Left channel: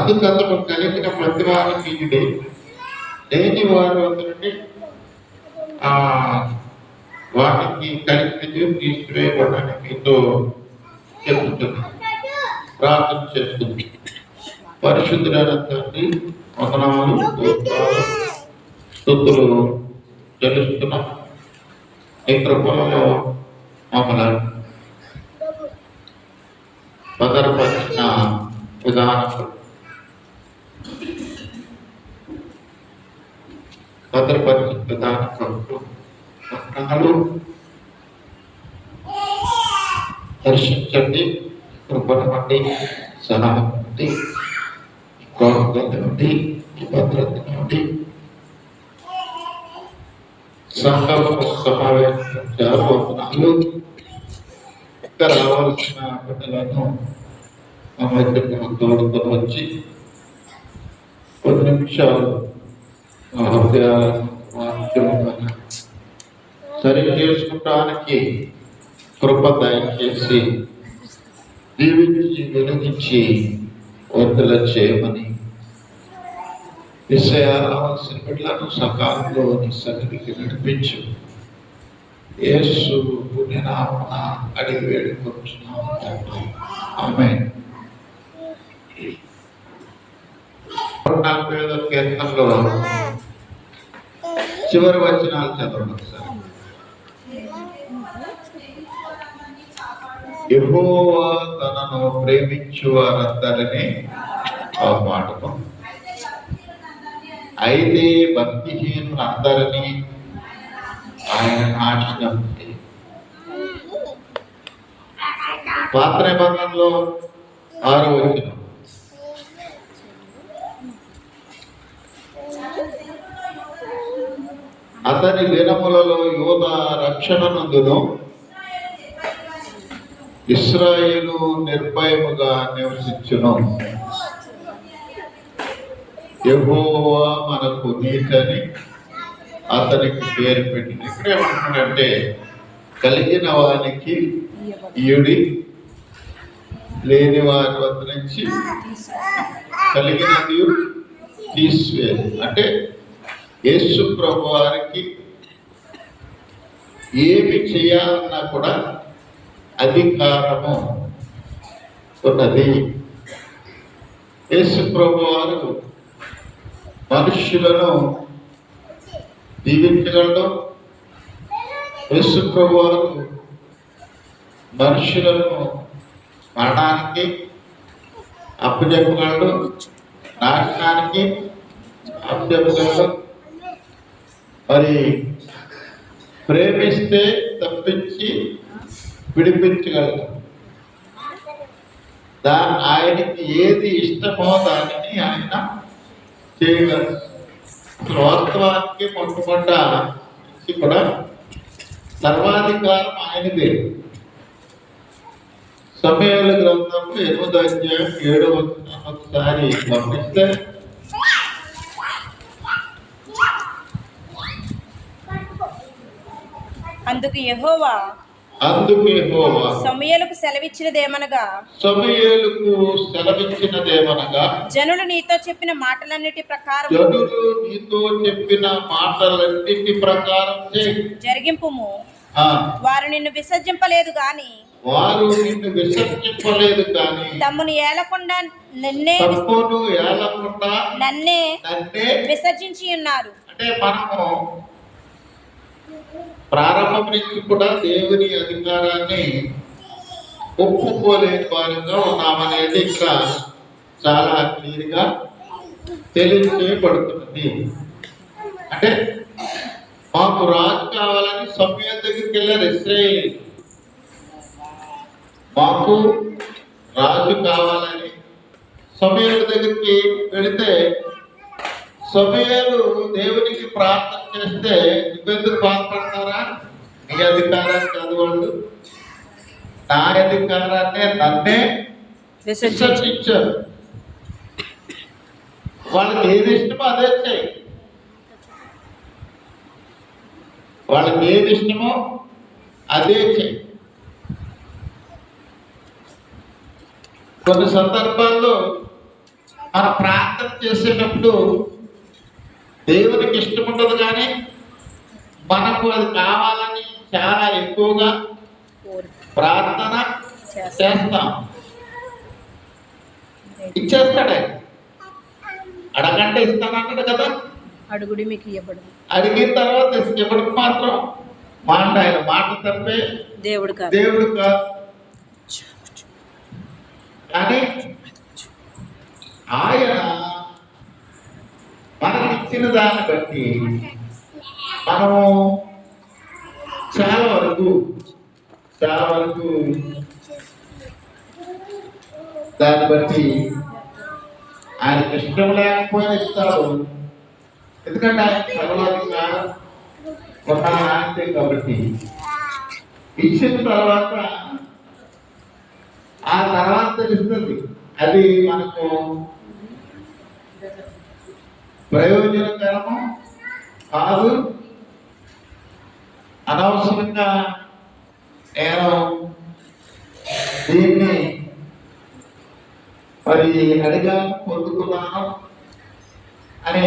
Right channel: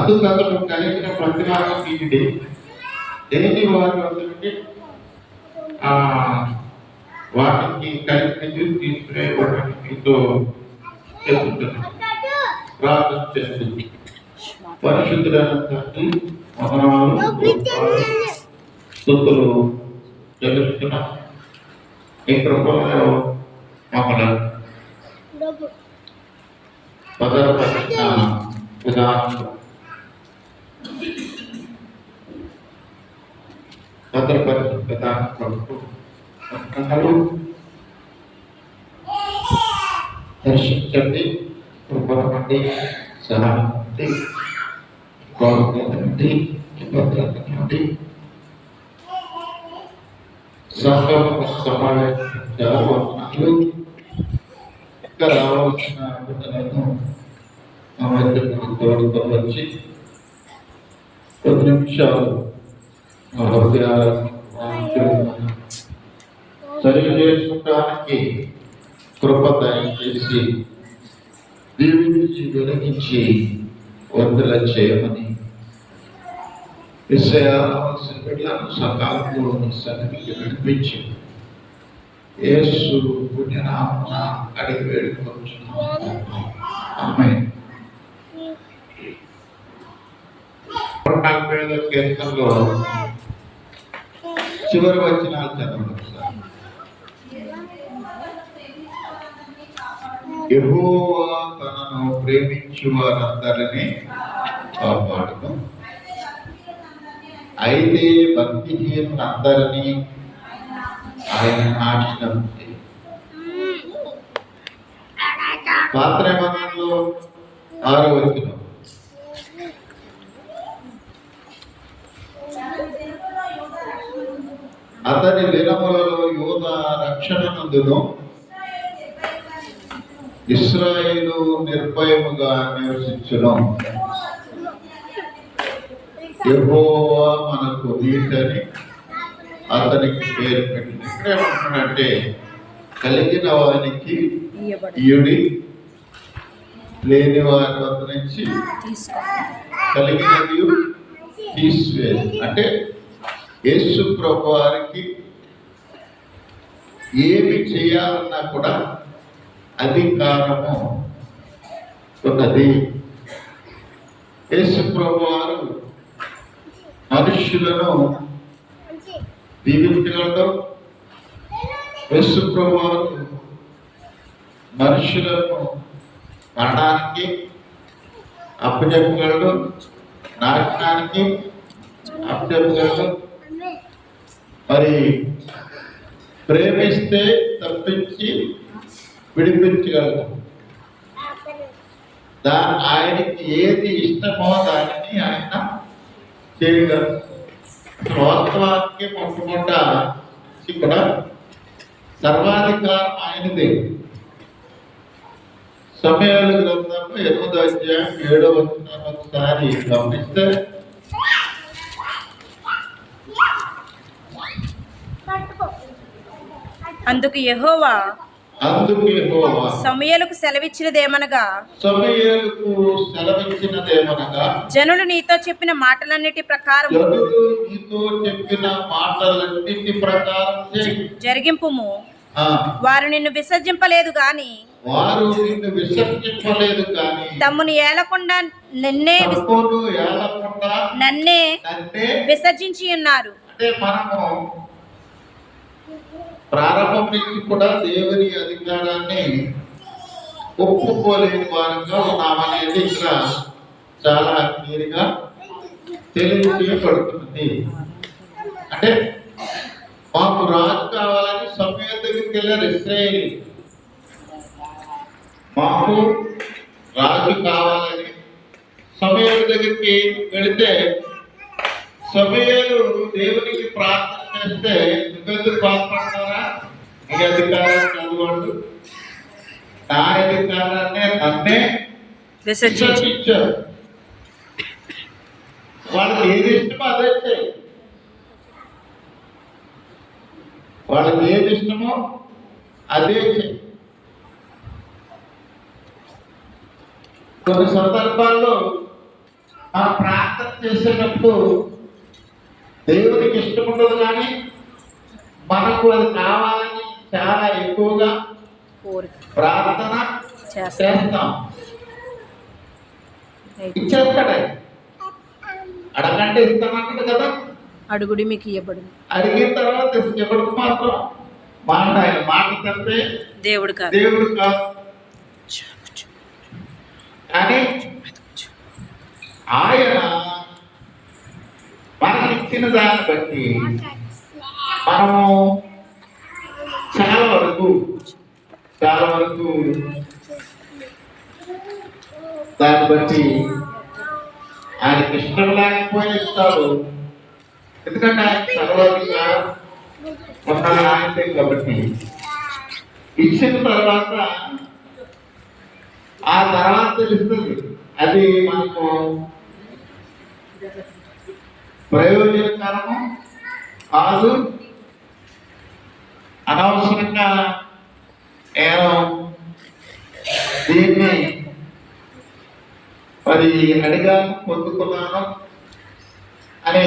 అందుకతను కలిగిన ప్రతిభాన్ని దేని వారి వద్ద ఆ వాటికి కలిగినది తీసుకునేవాడని మీతో చెప్తున్నాను. ప్రార్థన చేస్తుంది. పరిశుద్ధులైన తండ్రి, వందనాలు, స్తుతులు చెల్లిస్తున్నాం. ఈ కృపలో మమ్మల్ని భద్రపరిచిన విధానం, భద్రపరిచిన విధానం కొరకు వందనాలు. దర్శించండి, కృపను బట్టి, సలహా బట్టి, గౌరవత బట్టి, భద్రతను బట్టి సమావేశాలు ఇంకా రావాల్సిన బిడ్డలను మా మధ్యకు తోడుతో వచ్చి 10 నిమిషాలు మా హృదయాలను సరి చేసుకోవడానికి కృప దయచేసి దీవించి వెలిగించి వర్ధల చేయమని రావాల్సిన బిడ్డలను సకాలంలో నీ సన్నిధికి నడిపించు. యేసు పుణ్యనామమున అడిగి వేడుకొంటున్నాము. ఆమేన్. 45వ కీర్తనలో చివరి వచనాలు చదవండి సార్. యెహోవా తనను ప్రేమించు వారందరినీ కాపాడును, అయితే భక్తిహీనులందరినీ ఆయన నాశనం చేయును. పాత నిబంధనలో 6వ వచనం, అతని దినములలో యోధా రక్షణ నందును, ఇశ్రాయేలు నిర్భయముగా నివసించును. యెహోవా మనకు నీతిని అతనికి పేరు పెట్టిన. ఇక్కడ ఏమంటున్నాడంటే, కలిగిన వానికి ఈయుడి, లేని వారి వద్ద నుంచి కలిగినది తీసివేది. అంటే యేసు ప్రభు వారికి ఏమి చేయాలన్నా కూడా అధికారము ఉన్నది. యేసు ప్రభు వారు మనుష్యులను దీవించగలడు. యేసు ప్రభు వారు మనుష్యులను మరణానికి అప్పచెప్పగలడు, నాశనానికి అప్పచెప్పగలడు. మరి ప్రేమిస్తే తప్పించి విడిపించగలడు. ఆయనకి ఏది ఇష్టమో దానిని ఆయన చేయగలరు. వాస్తవానికి మొట్టమొదట కూడా సర్వాధికారం ఆయనదే. సమయాల గ్రంథంలో 8వ అధ్యాయం 7వ వచనం ఒకసారి గమనిస్తే, అందుకు యెహోవా సమూయేలుకు సెలవిచ్చినదేమనగా, జనులు నీతో చెప్పిన మాటలన్నిటి ప్రకారం జరిగింపుము. వారు నిన్ను విసర్జింపలేదు గాని తమ్మును ఏలకుండా నన్నే విసర్జించి ఉన్నారు. ప్రారంభం నుంచి కూడా దేవుని అధికారాన్ని ఒప్పుకోలేని వారంగా ఉన్నామనేది ఇక్కడ చాలా క్లియర్గా తెలియజేయబడుతుంది. అంటే మాకు రాజు కావాలని సమూయేలు దగ్గరికి వెళ్ళారు ఇశ్రాయేలు. మాకు రాజు కావాలని సమూయేలు దగ్గరికి వెళితే సమూయేలు దేవునికి ప్రార్థన చేస్తే, నువ్వెందుకు బాధపడతారా, నీ అధికారాన్ని చదవండు, నా అధికారాన్ని నన్నే విసర్జించారు. వాళ్ళకి ఏది ఇష్టమో అదే చేయి. వాళ్ళకి ఏది ఇష్టమో అదే చేయి. కొన్ని సందర్భాల్లో మన ప్రార్థన చేసేటప్పుడు దేవునికి ఇష్టం ఉండదు, కానీ మనకు అది కావాలని చాలా ఎక్కువగా కోరిక ప్రార్థన చేస్తాం. చేస్తాం. ఇచ్చేస్తాడు ఆయన. అడగంటే ఇస్తానంటాడు కదా. అడుగుడి మీకు ఇవ్వబడు. అడిగిన తర్వాత ఎవరికి మాత్రం మాట, ఆయన మాట తప్పే దేవుడు కాదు. దేవుడు కాదు. కానీ ఆయన మనకి ఇచ్చిన దాన్ని బట్టి మనము చాలా వరకు దాన్ని బట్టి ఆయనకి ఇష్టం లేకపోయినా ఇస్తాడు. ఎందుకంటే ఆయన సర్వాధిగా ఉన్న ఆయనే కాబట్టి. ఇచ్చిన తర్వాత ఆ తర్వాత తెలుస్తుంది అది మనకు ప్రయోజనకరము కాదు. అనవసరంగా నేను దీన్ని మరి అడిగాను, పొందుకున్నాను అని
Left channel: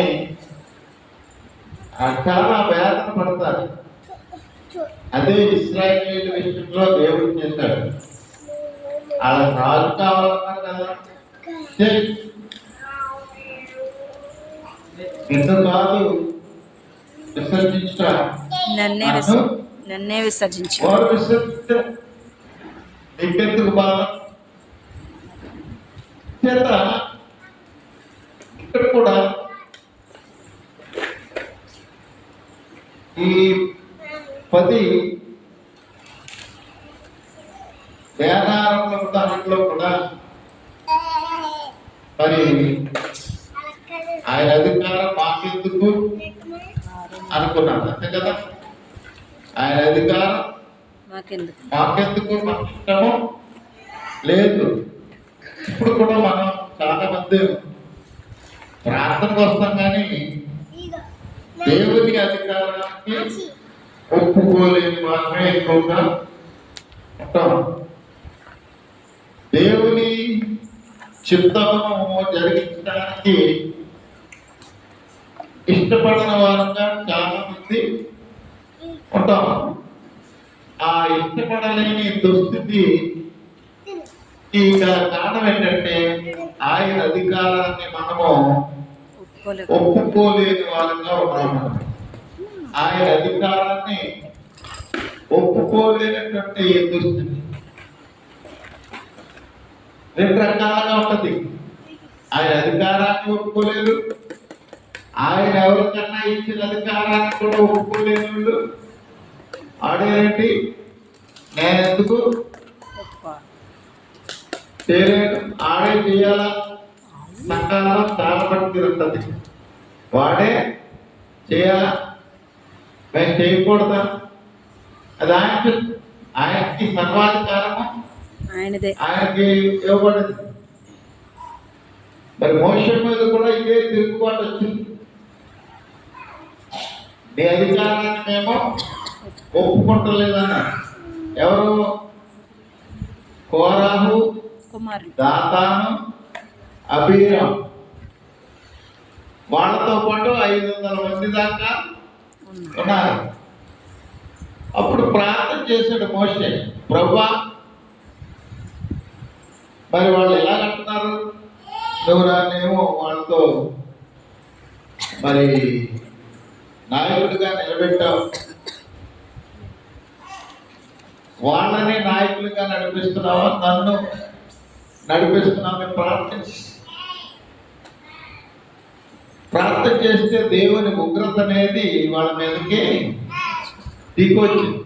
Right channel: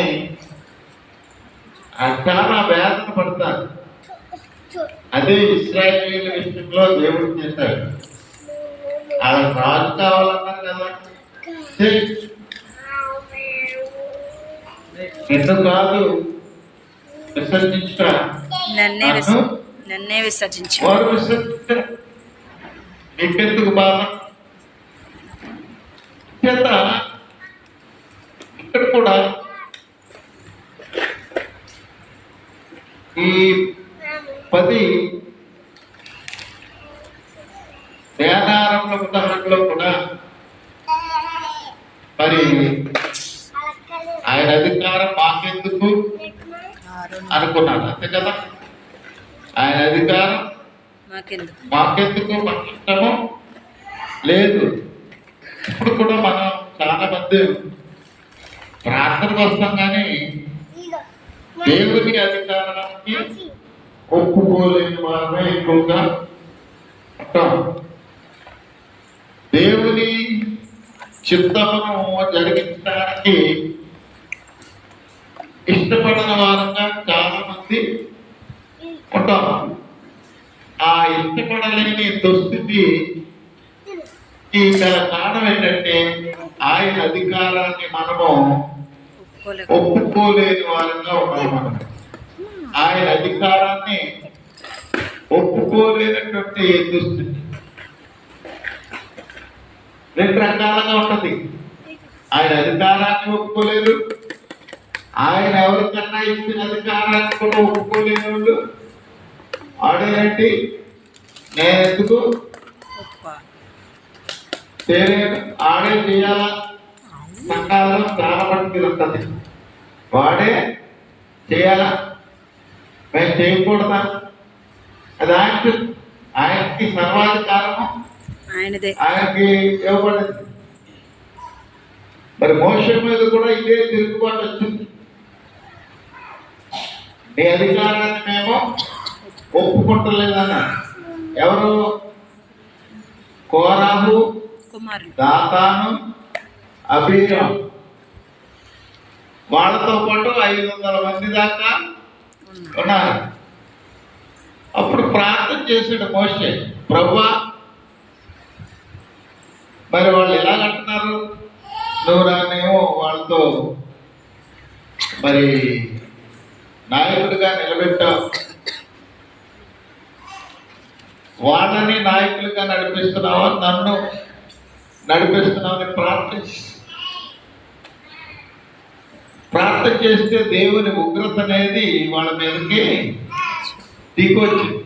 చాలా వేదన పడతారు. అదే ఇశ్రాయేలీయుల విషయంలో దేవుడు చేశాడు. అలా రాజు కావాలన్నారు కదా, ఎందుకు కాదు విసర్జించా, నన్నే విసర్జించు. వారు విసర్జించారు. నీకెందుకు బాధ చేత ఇక్కడ కూడా ఈ 10 ధ్యానారంభ ఉదాహరణలో కూడా మరి ఆయన అధికారం మాకెందుకు అనుకున్నాడు, అంతే కదా. ఆయన అధికారం మాకెందుకు, మాకు ఇష్టము లేదు. ఇప్పుడు కూడా మనం చాలా మంది ప్రార్థనకు వస్తాం, కానీ దేవుని అధికారానికి ఒప్పుకోలేని వారమే ఎక్కువగా ఉంటాం. దేవుని చిత్తమును జరిగించడానికి ఇష్టపడిన వారంగా చాలా మంది ఉంటాం. ఆ ఇష్టపడలేని దుస్థితి ఈ కారణం ఏంటంటే ఆయన అధికారాన్ని మనము ఒప్పుకోలేని వారంగా ఉన్నాము. ఆయన అధికారాన్ని ఒప్పుకోలేనటువంటి దుస్థితి 2 రకాలుగా ఉంటుంది. ఆయన అధికారాన్ని ఒప్పుకోలేదు, ఆయన ఎవరికన్నా ఇచ్చిన అధికారాన్ని కూడా ఒప్పుకోలేని వాళ్ళు ఆడేంటి, నేను ఎందుకు చేయలేదు, ఆడే చేయాలా. సంఘాల్లో చాలా మంది ఉంటుంది, వాడే చేయాలా, మేము చేయకూడదా. అది ఆయనకి సర్వాధికారము ఆయనకి ఇవ్వబడింది. మరి మోషే మీద కూడా ఇదే తిరుగుబాటు వచ్చింది. నీ అధికారాన్ని మేము ఒప్పుకుంటలేదన్న ఎవరు? కోరాహు, దాతాను, అబీరాం, వాళ్ళతో పాటు 500 మంది దాకా ఉన్నారు. అప్పుడు ప్రార్థన చేసాడు మోషే, ప్రభువా మరి వాళ్ళు ఎలా అంటున్నారు, నువ్వు రానేమో వాళ్ళతో మరి నాయకుడిగా నిలబెట్టావు, వాళ్ళని నాయకులుగా నడిపిస్తున్నావా, నన్ను నడిపిస్తున్నావని ప్రార్థన చేస్తే దేవుని ఉగ్రత అనేది వాళ్ళ మీదకి దిగొచ్చింది.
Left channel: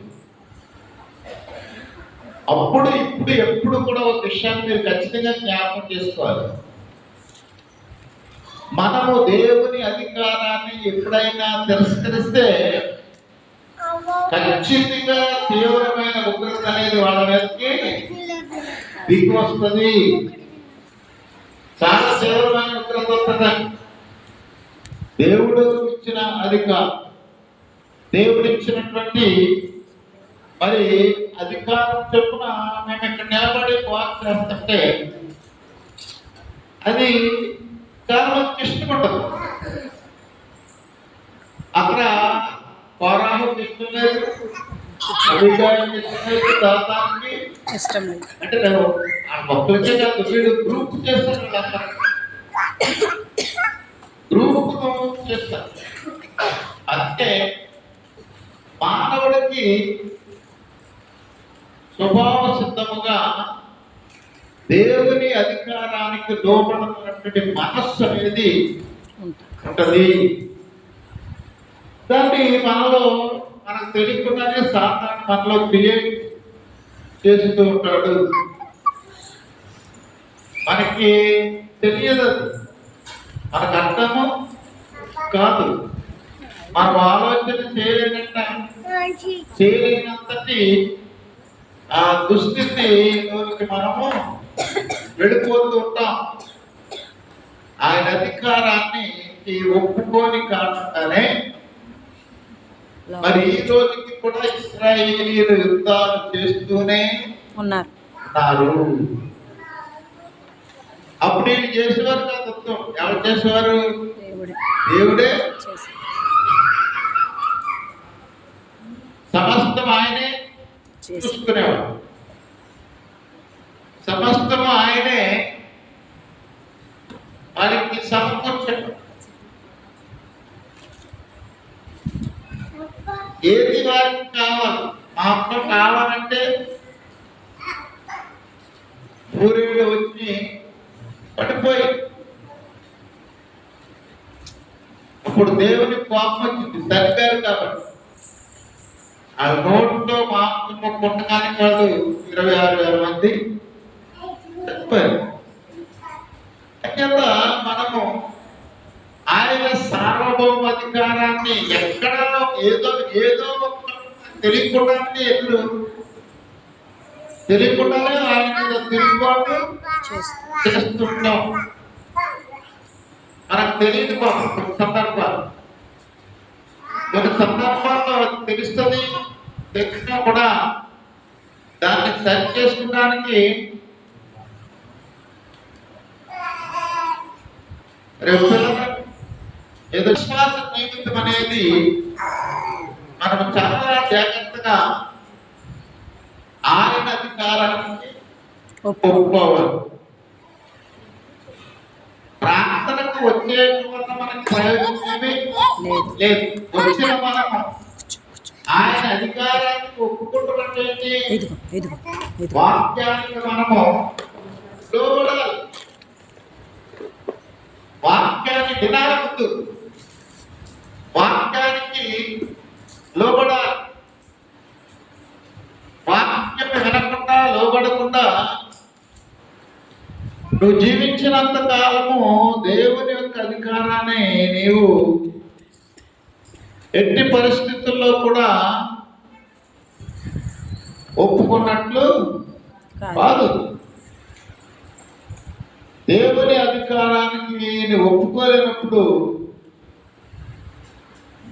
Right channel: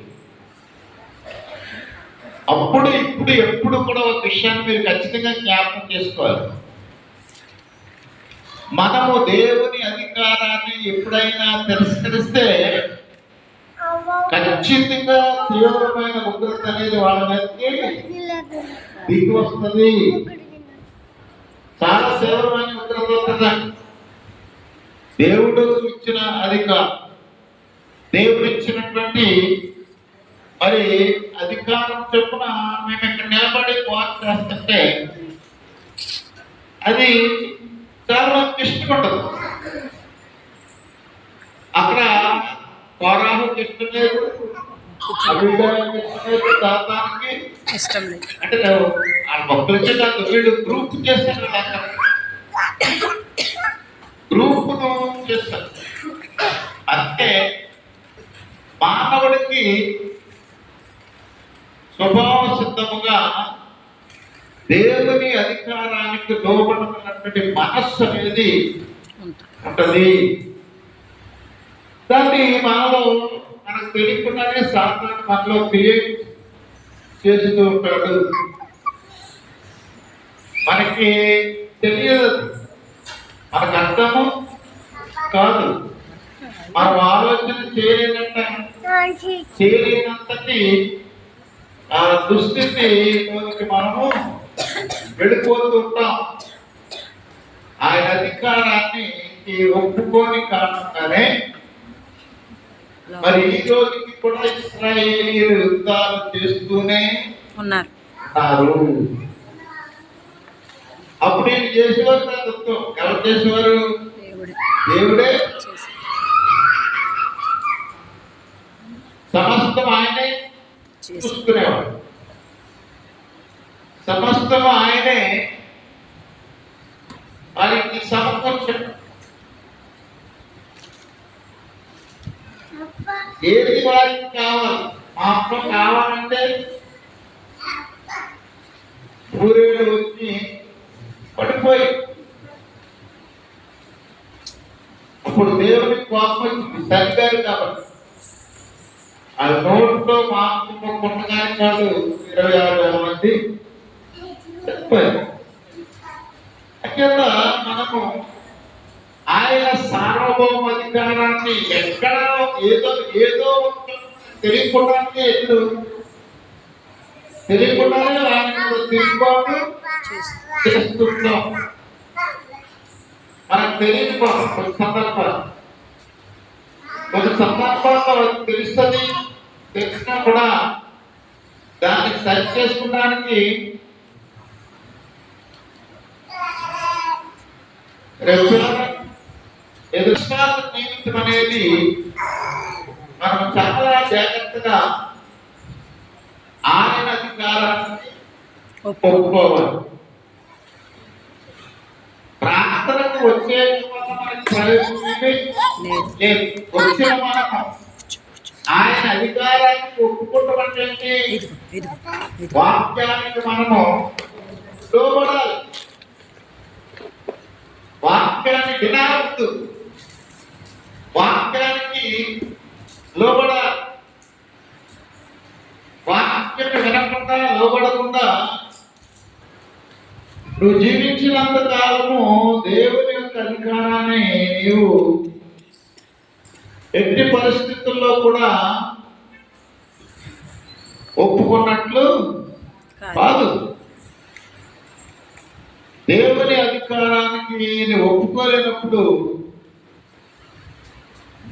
అప్పుడు ఇప్పుడు ఎప్పుడు కూడా ఒక విషయాన్ని మీరు ఖచ్చితంగా జ్ఞాపకం చేసుకోవాలి. మనము దేవుని అధికారాన్ని ఎప్పుడైనా తిరస్కరిస్తే ఖచ్చితంగా తీవ్రమైన ఉగ్రత అనేది వాళ్ళ మీదకి దిగి వస్తుంది. చాలా తీవ్రమైన ఉగ్రత వస్తుంది. దేవుడు ఇచ్చిన అధికారం, దేవుడు ఇచ్చినటువంటి మరి అధికారం చొప్పున మేము ఇక్కడ నిలబడి వాక్ చేస్తుంటే అది చాలా మందికి ఇష్టం ఉండదు. అక్కడ కోరాహుకి ఇష్టం లేదు, అభిషేకానికి ఇష్టం లేదు, దాతానికి ఇష్టం లేదు. అంటే ఆ భక్తులకే కాదు, వీళ్ళు గ్రూప్ చేస్తారు. వీళ్ళు అక్కడ గ్రూప్ను చేస్తారు. అంటే మానవుడికి స్వభావ సిద్ధముగా దేవుని అధికారానికి లోబడినటువంటి మనస్సు అనేది ఉంటది. దాన్ని మనలో మనకు తెలియకుండానే సాధారణ మనలో క్రియేట్ చేస్తూ ఉంటాడు. మనకి తెలియదు, మనకు అర్థము కాదు. మనం ఆలోచన చేయలేనంతటి ఆ దుస్థితిలోకి మనము వెళ్ళిపోతూ ఉంటాం. ఆయన అధికారాన్ని ఒప్పుకోని కారణంగానే మరి ఈ రోజుకి కూడా ఇశ్రాయేలీయులు యుద్ధాలు చేస్తూనే ఉన్నారు. అప్పుడు ఏం చేసేవారు కాదు, ఎవరు చేసేవారు? దేవుడే సమస్తం ఆయనే చూసుకునేవాడు. సమస్తం ఆయనే వారికి సమకూర్చాడు. ఏది వారికి కావాలి, మా అమ్మ కావాలంటే ఊరేళ్ళు వచ్చి పడిపోయి అప్పుడు దేవుని కోపం వచ్చింది. తగ్గారు కాబట్టి ఆ నోట్లో మాంసం పుట్టగానే కాదు 26,000 మంది చనిపోయారు. అక్కడ మనము ఆయన సార్వభౌమ అధికారాన్ని ఎక్కడ ఏదో తెలియకుండానే తెలియకుండానే ఆయన తిరుగుబాటు చేస్తున్నాం. మనకు తెలియదు కొన్ని సందర్భాల్లో తెలుస్తుంది. తెలిసినా కూడా దాన్ని సరి చేసుకోవడానికి విశ్వాస జీవితం అనేది మనం చాలా జాగ్రత్తగా ఆయన అధికారాన్ని ఒప్పుకోవాలి. ప్రార్థనకు వచ్చే వల్ల మనకి ప్రయోజనం లేదు. వచ్చిన మనం ఆయన అధికారాన్ని ఒప్పుకుంటామంటే వాక్యానికి మనము లోబడాలి. వాక్యాన్ని వినాలవద్దు, వాక్యానికి లోబడాలి. వాక్యం వినకుండా లోబడకుండా నువ్వు జీవించినంత కాలము దేవుని యొక్క అధికారాన్ని నీవు ఎట్టి పరిస్థితుల్లో కూడా ఒప్పుకున్నట్లు కాదు. దేవుని అధికారానికి నీవు ఒప్పుకోలేనప్పుడు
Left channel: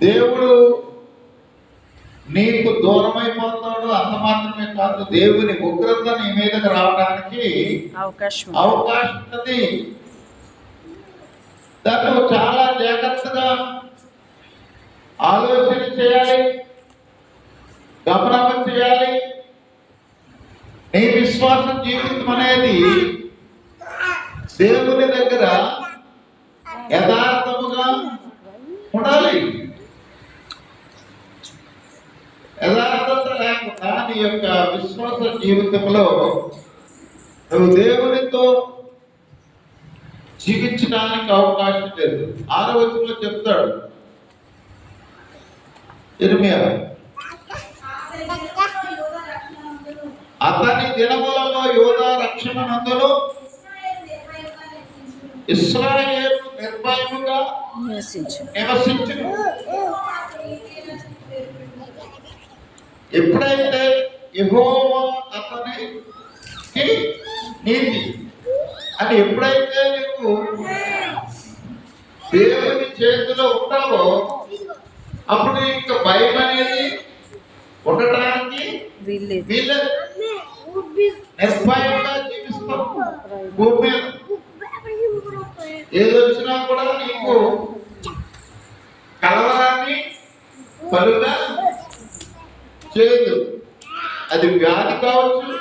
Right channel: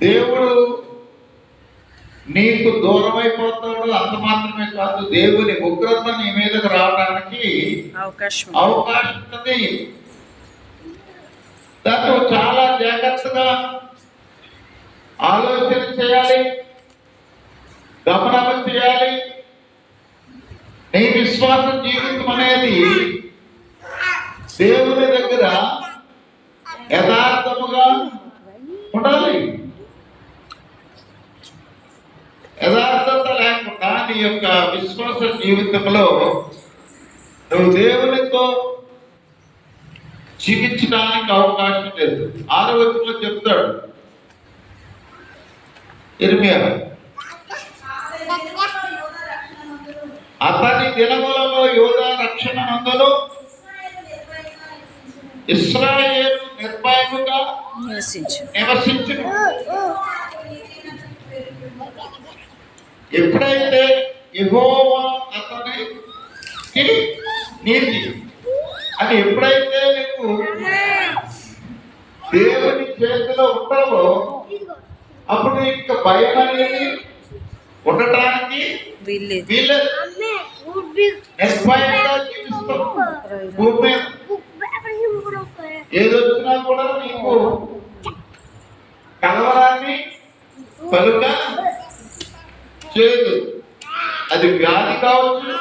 దేవుడు నీకు దూరం అయిపోతాడు. అంత మాత్రమే కాదు, దేవుని ఉగ్రత నీ మీదకి రావడానికి అవకాశం ఉంది. దాన్ని చాలా జాగ్రత్తగా ఆలోచన చేయాలి, గమనం చేయాలి. నీ విశ్వాస జీవితం అనేది దేవుని దగ్గర యథార్థముగా ఉండాలి. యథార్థత లేకుండా నీ యొక్క విశ్వాస జీవితంలో నువ్వు దేవునితో జీవించడానికి అవకాశం లేదు. 6వ వచనంలో చెప్తాడు ఇర్మియా, అతని దినములలో యోధా రక్షణ నందును ఇశ్రాయేలు నిర్భయముగా నివసించును. ఎప్పుడైతే యెహోవా అతనికి నీతి అని ఎప్పుడైతే నువ్వు దేవుని చేతిలో ఉంటావో అప్పుడు ఇంకా భయం అనేది ఉండటానికి వీళ్ళే. నిర్భయంగా జీవిస్తాం. భూమి ఏదొచ్చినా కూడా నీకు కలవరాన్ని కలుగ చేయదు. అది వ్యాధి కావచ్చు,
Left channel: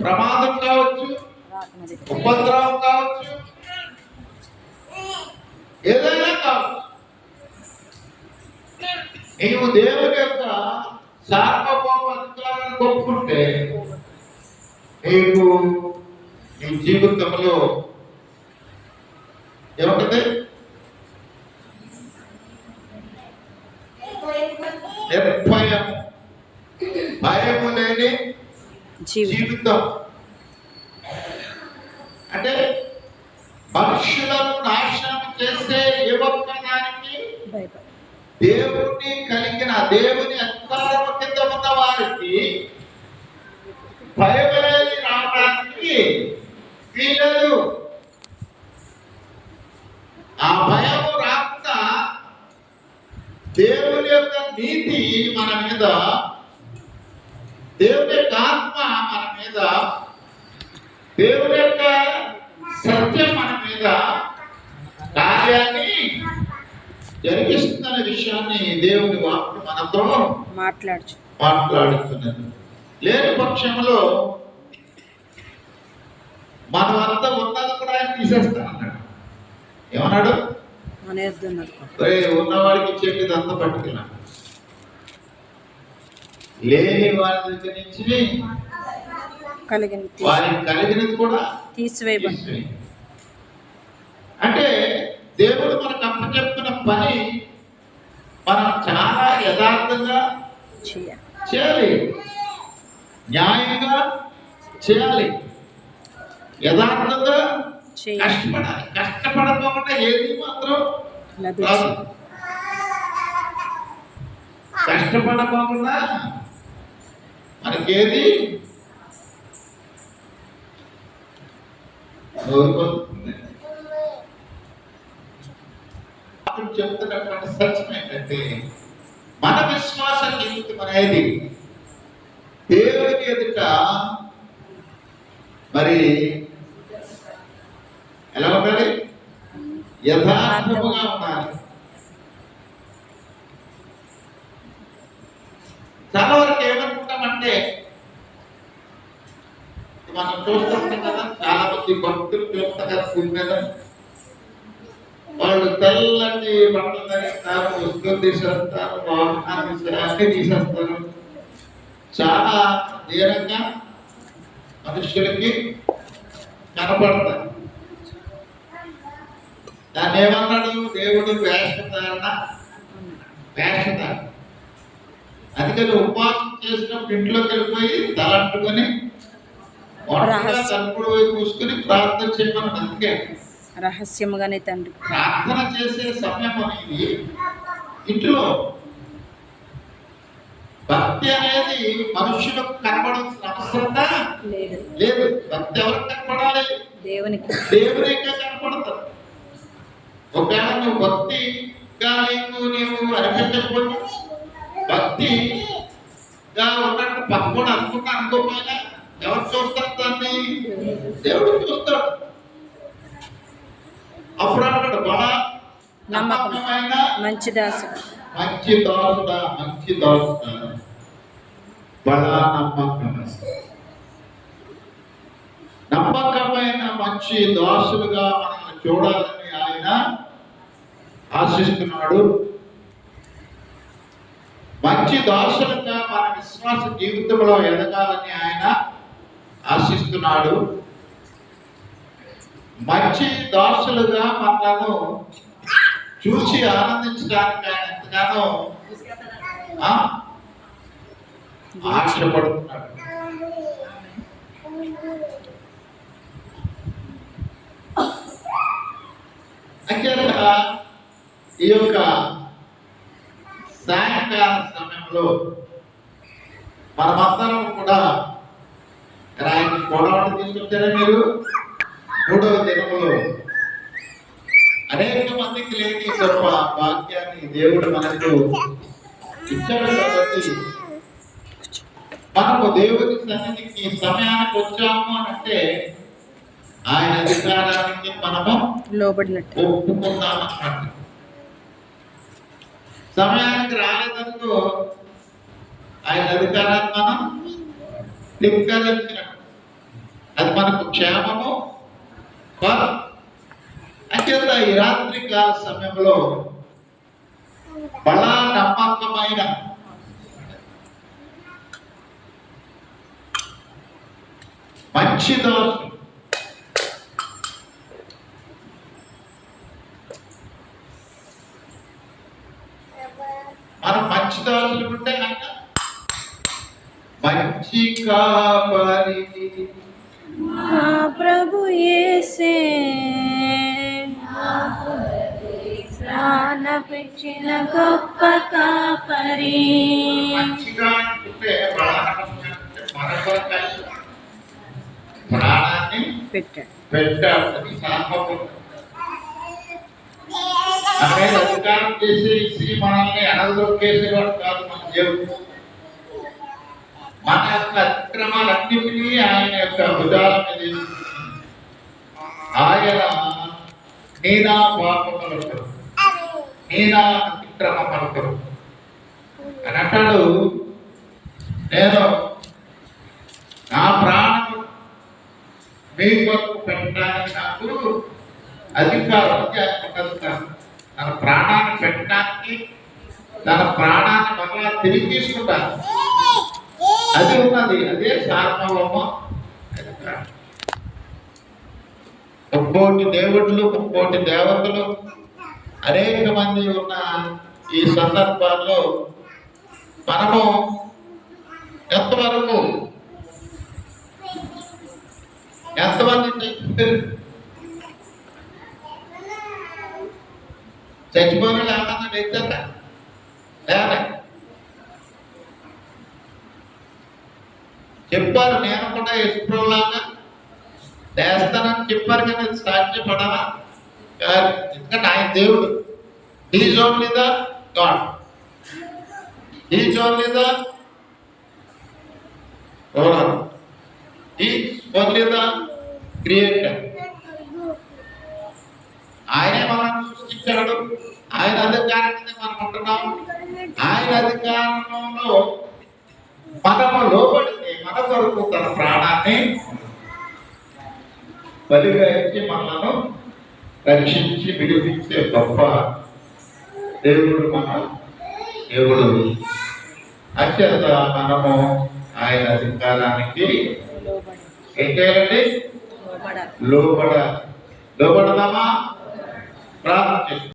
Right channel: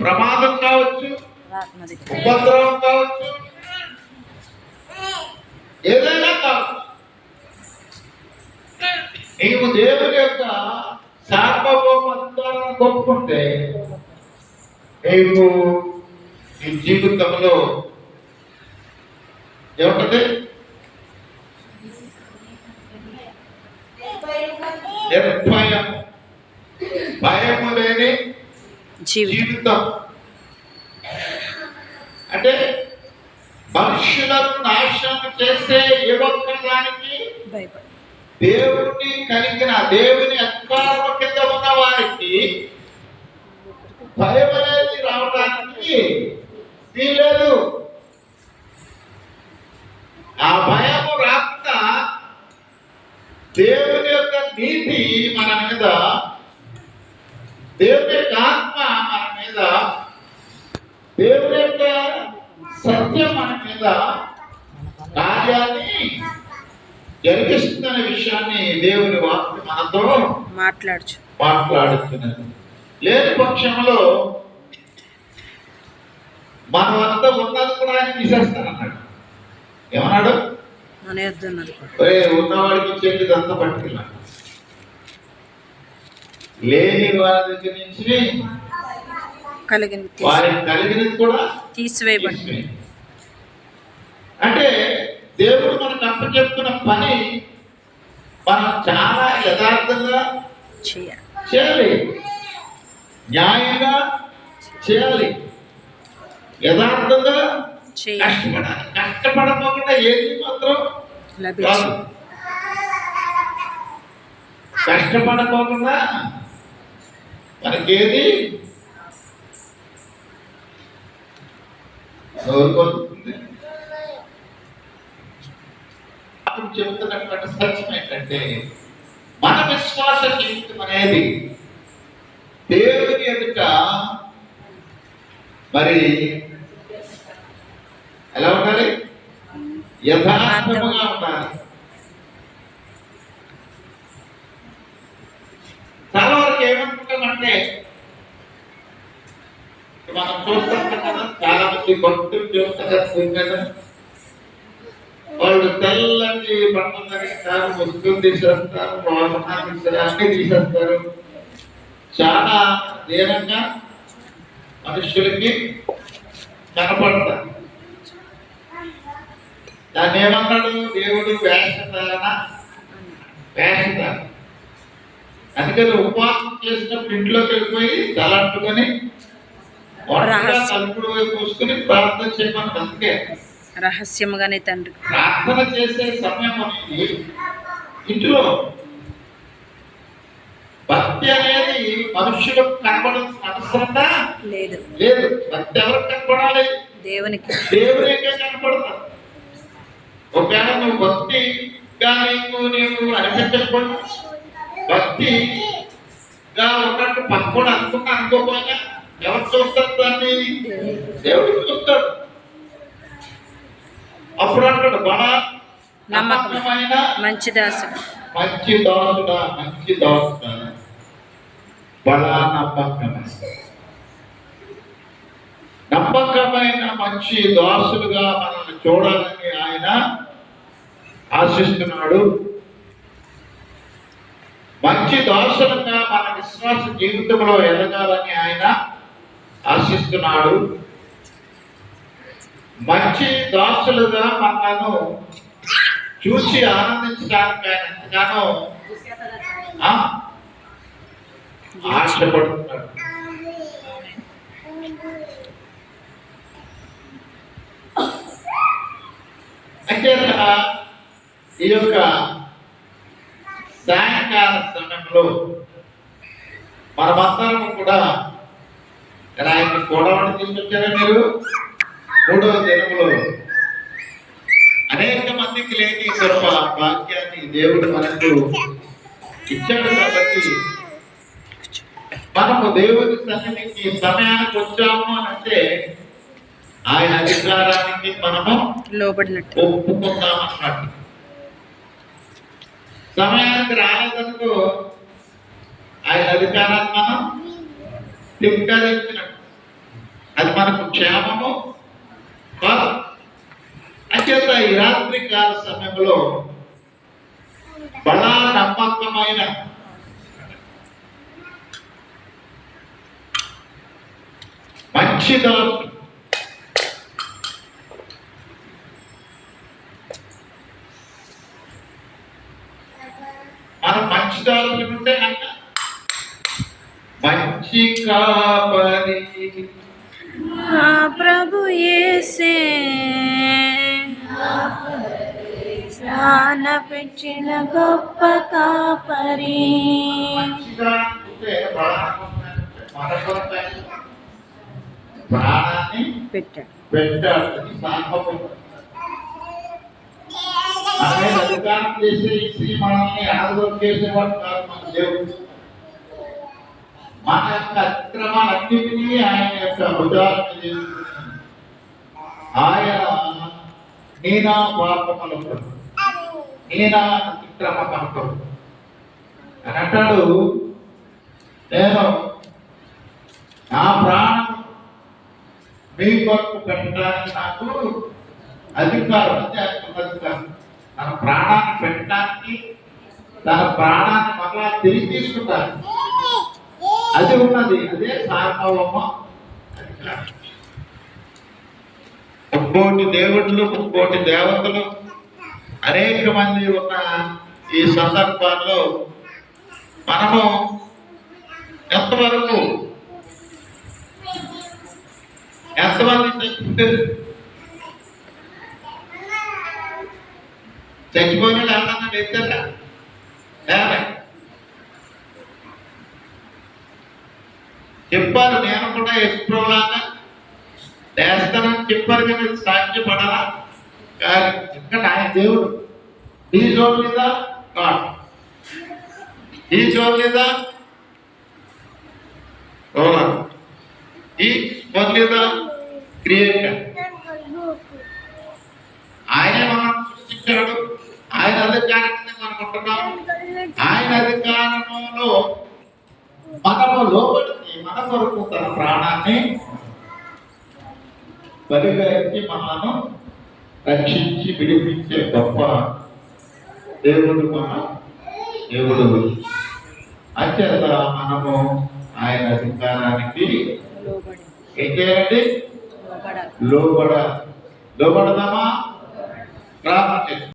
ప్రమాదం కావచ్చు, ఉపద్రవం కావచ్చు, ఏదైనా కావచ్చు. నీవు దేవుని యొక్క సార్వభౌమ అధికారాన్ని ఒప్పుకుంటే నీకు నీ జీవితంలో ఏముంటది? భయము లేని జీవితం. అంటే మనుషులను నాశనం చేసే ఏ ఒక్క దానికి దేవుని కలిగిన దేవుని అధికారం కింద ఉన్న వారికి భయం అనేది రావడానికి వీలేదు. ఆ భయము రాకుండా దేవుని యొక్క నీతి మన మీద, దేవుని యొక్క ఆత్మ మన మీద, దేవుని యొక్క సత్యం మన మీద కార్యాన్ని జరిగిస్తున్న విషయాన్ని దేవుని వాక్యం మనతో మాట్లాడుతున్నది. లేని పక్షంలో మనం అంతా ఉన్నది కూడా ఆయన తీసేస్తానన్నాడు. ఏమన్నాడు? ఉన్నవాడికి చెట్టుది అంతా పట్టుకున్నాడు, లేని వారి దగ్గర నుంచి వారికి కలిగినది కూడా తీసివేయబడింది. అంటే దేవుడు మనకు అప్పచెప్తున్న పని మనం చాలా యథార్థంగా చేయాలి, న్యాయంగా చేయాలి, యథార్థంగా కష్టపడాలి. కష్టపడకుండా ఏది మాత్రం కాదు. కష్టపడకుండా మనకేది చెప్తున్నటువంటి సత్యం ఏంటంటే మన విశ్వాస జీవితం అనేది దేవుని ఎదుట మరి ఎలా ఉండాలి? యథార్థముగా ఉండాలి. చాలా వరకు ఏమనుకుంటామంటే మనం చూస్తాం కదా, చాలా మంది భక్తులు చూస్తారు కదా, వాళ్ళు తెల్లటి బట్టలు ధరిస్తారు, వస్తువులు తీసేస్తారు, వాహనాలు తీసేస్తారు, అన్ని తీసేస్తారు. చాలా దీనంగా మనుషులకి కనపడతారు. దాన్ని ఏమన్నాడు దేవుడు? వేషధారణ. అందుకని ఉపవాసం చేసినప్పుడు ఇంట్లోకి వెళ్ళిపోయి తలంటుకొని తలుపుడు వైపు చూసుకుని ప్రార్థన చేయమని. అందుకే రహస్యముగానే తండ్రి ప్రార్థన చేసే సమయం అనేది ఇంట్లో. భక్తి అనేది మనుషులకు కనబడాల్సిన అవసరంగా లేదు. భక్తి ఎవరికి కనపడాలి? దేవునికే కనపడతారు. ఒకవేళ నువ్వు భక్తిగా నీవు అనిపించకపోయినా, భక్తిగా ఉన్నట్టు పక్కన అనుకోపోయినా ఎవరు చూస్తారు? దాన్ని దేవుడు చూస్తాడు. అప్పుడు అంటాడు, బడా నమ్మకమైన మంచి దాసుడా, బడా నమ్మకమైన మంచి దాసులుగా మనల్ని చూడాలని ఆయన ఆశిస్తున్నాడు. మంచి దాసులుగా మన విశ్వాస జీవితంలో ఎదగాలని ఆయన ఆశిస్తున్నాడు. మంచి దాసులుగా మనలను చూసి ఆనందించడానికి ఆయన ఎంతగానో ఆశపడుతున్నాడు. అయితే ఈ యొక్క సాయంకాల సమయంలో మనమందరం కూడా ఆయన గొడవని తీసుకొచ్చారా మీరు? 3వ దినములో అనేక మందికి లేని గొప్ప వాక్యాన్ని దేవుడు మనకు ఇచ్చాడు. కాబట్టి మనము దేవుని సన్నిధికి సమయానికి వచ్చాము అని అంటే ఆయన అధికారానికి మనము లోబడినట్టు ఒప్పుకుందామన్నమాట. సమయానికి రాలేదనుకో ఆయన అధికారాన్ని మనం ధిక్కరించినట్టు, అది మనకు క్షేమము కాదు. అంచేత ఈ రాత్రి కాల సమయంలో బలా నమ్మకమైన మంచి దాసు మనం మంచి దాసులు ఉంటే ఆయన మంచి కాపరి ఆ ప్రభు యేసే ప్రాణ పెట్టిన గొప్ప కాపరి. మంచిగా అనుకుంటే మన కొరకే ప్రాణాన్ని పెట్టాడు. మనమే అధికారం చేసే ఇసి మనల్ని అణగదొక్కేసేవాడు కాదు మన దేవుడు. మన యొక్క అతిక్రమాలన్నిటినీ ఆయన యొక్క భుజాల మీద వేసుకున్నాడు. ఆయన నేనా పాపములకు నేనా అతిక్రమములకు అని అంటాడు. నేను నా ప్రాణం మీ కొరకు పెట్టడానికి నాకు అధికారం ఉంది. అధికారం తన ప్రాణాన్ని పెట్టడానికి, తన ప్రాణాన్ని మరలా తిరిగి తీసుకుంటాను, అది ఉన్నది. అదే సార్వభౌమ అధికారం. ముక్కోటి దేవుళ్ళు, ముక్కోటి దేవతలు అనేక మంది ఉన్న ఈ సందర్భాల్లో మనము ఎంతమంది చచ్చిపోయిన లేకుండా లేచారా? చెప్పారు, నేను కూడా యశ్ప్రోలాగా లేస్తానని చెప్పారు కానీ సాధ్యపడాలా? ఇంకా ఆయన దేవుడు. Is only the God, is only the owner, is only the creator. ఆయనే మనం సృష్టించాడు. ఆయన అధికారాన్ని మనం ఉంటున్నాం. ఆయన అధికారంలో మనము లోబడితే మన కొరకు తన ప్రాణాన్ని బలిగా ఇచ్చి మనలను రక్షించి విడిపించే గొప్ప దేవుడు మన దేవుడు. అంచేత మనము ఆయన అధికారానికి ఏం చేయాలండి? లోబడదామా? ప్రార్థన చేస్తాం.